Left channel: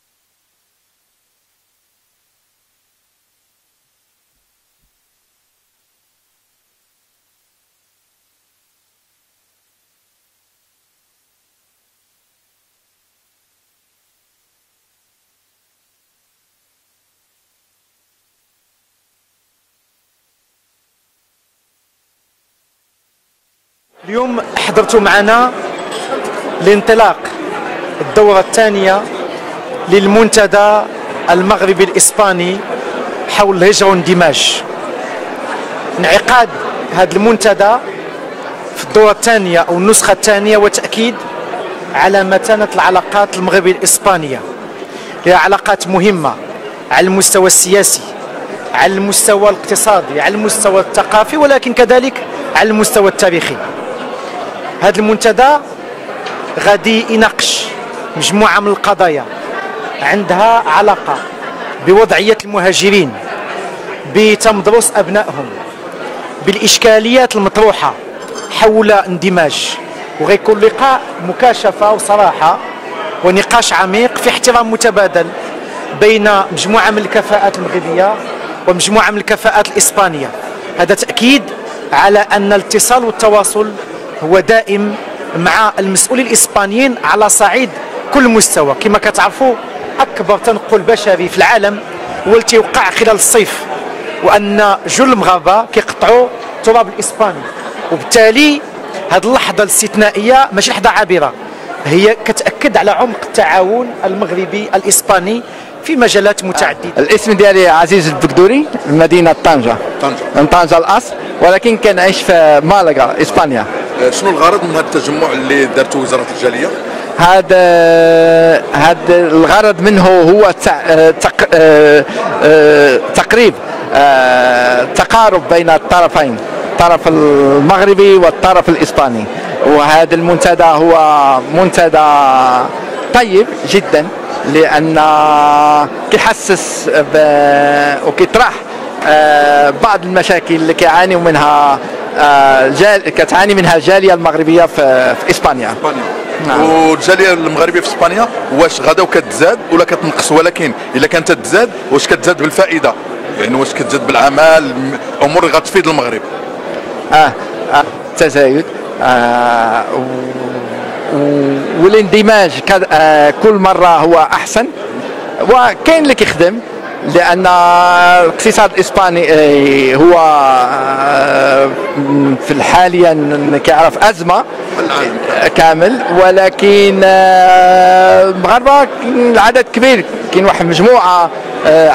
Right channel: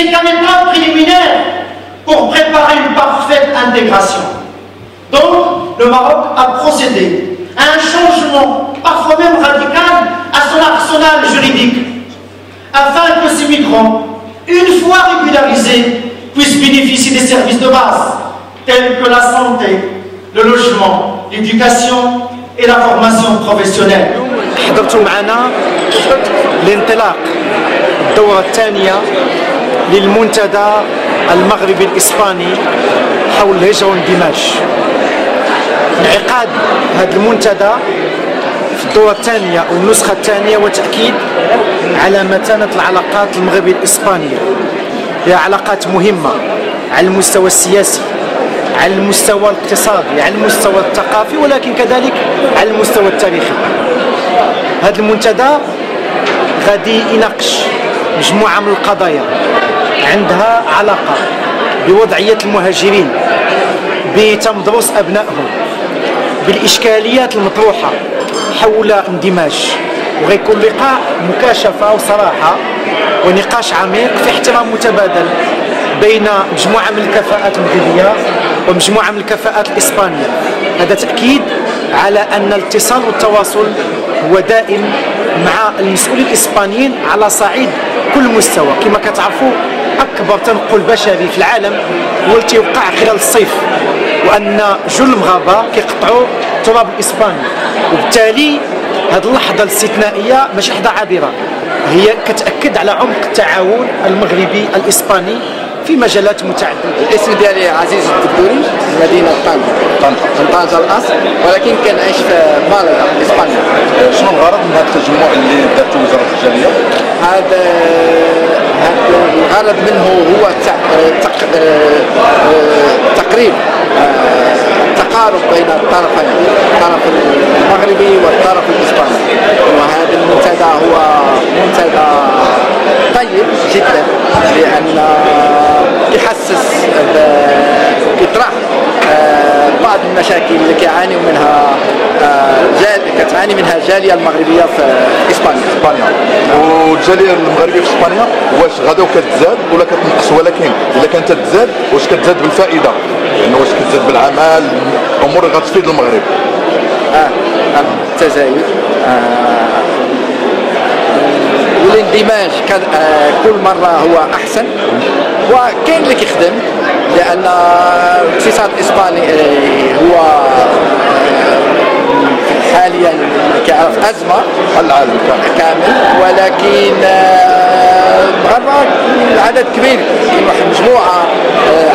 C'est qu'un état préliminaire pour préparer une parfaite intégration. Donc, le Maroc a procédé à un changement, parfois même radical, à son arsenal juridique, afin que ces migrants, une fois régularisés, puissent bénéficier des services de base, tels que la santé, le logement, l'éducation et la formation professionnelle. حضرتوا معنا لانطلاق الدورة الثانية للمنتدى المغربي الإسباني حول الهجرة والاندماج. انعقاد هذا المنتدى في الدورة الثانية أو النسخة الثانية وتأكيد على متانة العلاقات المغربية الإسبانية. هي علاقات مهمة على المستوى السياسي، على المستوى الاقتصادي، على المستوى الثقافي، ولكن كذلك على المستوى التاريخي. هذا المنتدى غادي يناقش مجموعة من القضايا عندها علاقة بوضعية المهاجرين، بتمدرس أبنائهم، بالإشكاليات المطروحة حول اندماج، وغيكون لقاء مكاشفة وصراحة ونقاش عميق في احترام متبادل بين مجموعة من الكفاءات المغربية ومجموعة من الكفاءات الإسبانية. هذا تأكيد على أن الاتصال والتواصل هو دائم مع المسؤولين الإسبانيين على صعيد كل مستوى. كما كتعرفوا أكبر تنقل بشري في العالم هو اللي تيوقع خلال الصيف، وأن جل المغاربة كيقطعوا التراب الإسباني، وبالتالي هذه اللحظة الاستثنائية ماشي لحظة عابرة، هي كتأكد على عمق التعاون المغربي الإسباني في مجالات متعددة. الاسم ديالي عزيز الدبدوري من مدينة طنجة. من طنجة الأصل، ولكن كنعيش في مالاغا إسبانيا. شنو الغرض من هذا التجمع اللي دارته وزارة الجالية؟ هذا الغرض منه هو تقريب تقارب بين الطرفين، الطرف المغربي والطرف الإسباني. وهذا المنتدى هو منتدى طيب جدا، لأن كيحسس وكيطرح بعض المشاكل اللي كيعانيو منها كتعاني منها الجالية المغربية في إسبانيا. والجالية المغربية في إسبانيا واش غدا كتزاد ولا كتنقص؟ ولكن إلا كانت تزاد واش كتزاد بالفائدة؟ لأنه واش كتزاد بالعمل، أمور اللي غتفيد المغرب؟ التزايد والاندماج كل مرة هو أحسن، وكاين اللي كيخدم، لأن الاقتصاد الإسباني هو في حاليا كيعرف أزمة كامل، ولكن المغاربة العدد كبير، كاين واحد المجموعة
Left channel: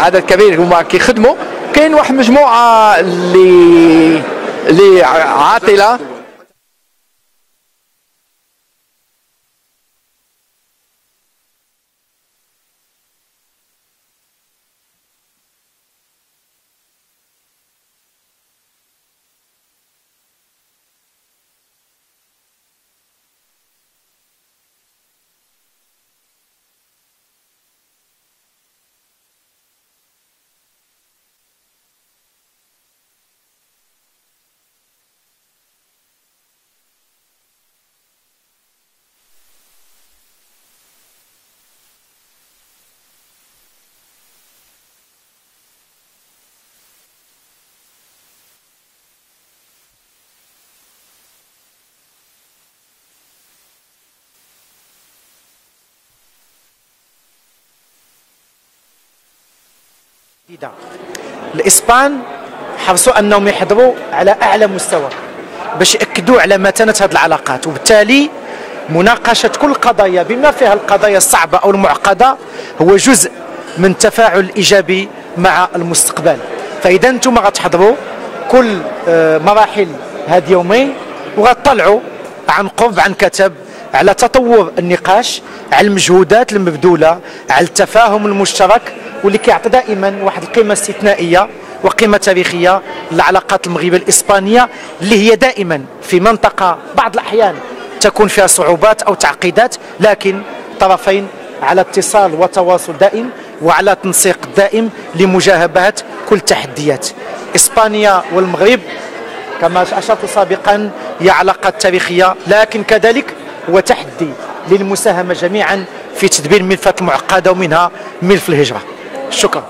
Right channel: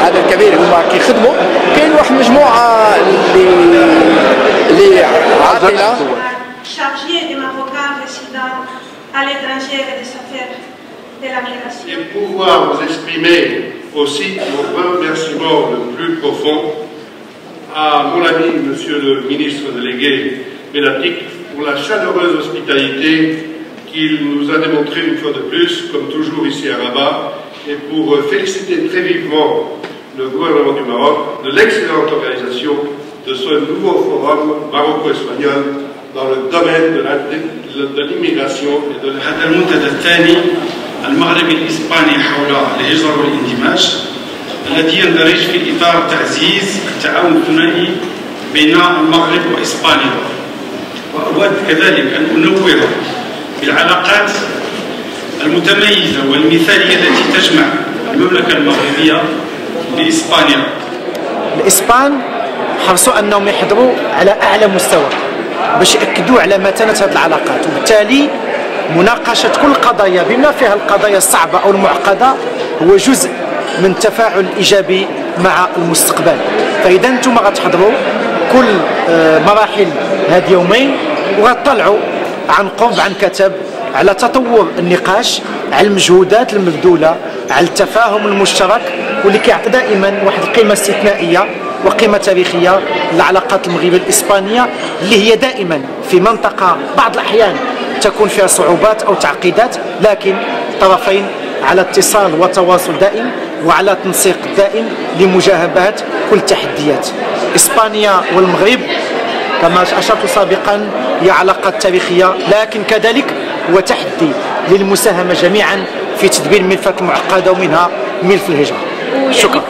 عدد كبير هما كيخدموا، كاين واحد المجموعة اللي عاطلة. Et pouvoir vous exprimer aussi mon remerciement le plus profond à mon ami, monsieur le ministre délégué Bellatic, pour la chaleureuse hospitalité qu'il nous a démontrée une fois de plus, comme toujours ici à Rabat, et pour féliciter très vivement le gouvernement du Maroc de l'excellente organisation de ce nouveau forum maroco-espagnol dans le domaine de l'immigration et de المنتدى المغربي الإسباني حول الهجرة والاندماج، الذي يندرج في إطار تعزيز التعاون الثنائي بين المغرب وإسبانيا. وأود كذلك أن أنوه بالعلاقات المتميزة والمثالية التي تجمع المملكة المغربية بإسبانيا. الإسبان حرصوا أنهم يحضروا على أعلى مستوى باش يأكدوا على متانة هذه العلاقات، وبالتالي مناقشة كل القضايا بما فيها القضايا الصعبة أو المعقدة هو جزء من التفاعل الإيجابي مع المستقبل. فإذا أنتم غتحضروا كل مراحل هاد يومين وغتطلعوا عن قرب عن كتب على تطور النقاش، على المجهودات المبذولة، على التفاهم المشترك، واللي كيعطي دائما واحد القيمة استثنائية وقيمة تاريخية للعلاقات المغربية الإسبانية، اللي هي دائما في منطقة بعض الأحيان تكون فيها صعوبات أو تعقيدات، لكن طرفين على اتصال وتواصل دائم وعلى تنسيق دائم لمجابهة كل التحديات. إسبانيا والمغرب كما أشرت سابقا هي علاقات تاريخية، لكن كذلك هو تحدي للمساهمة جميعا في تدبير الملفات المعقده ومنها ملف الهجره. شكرا.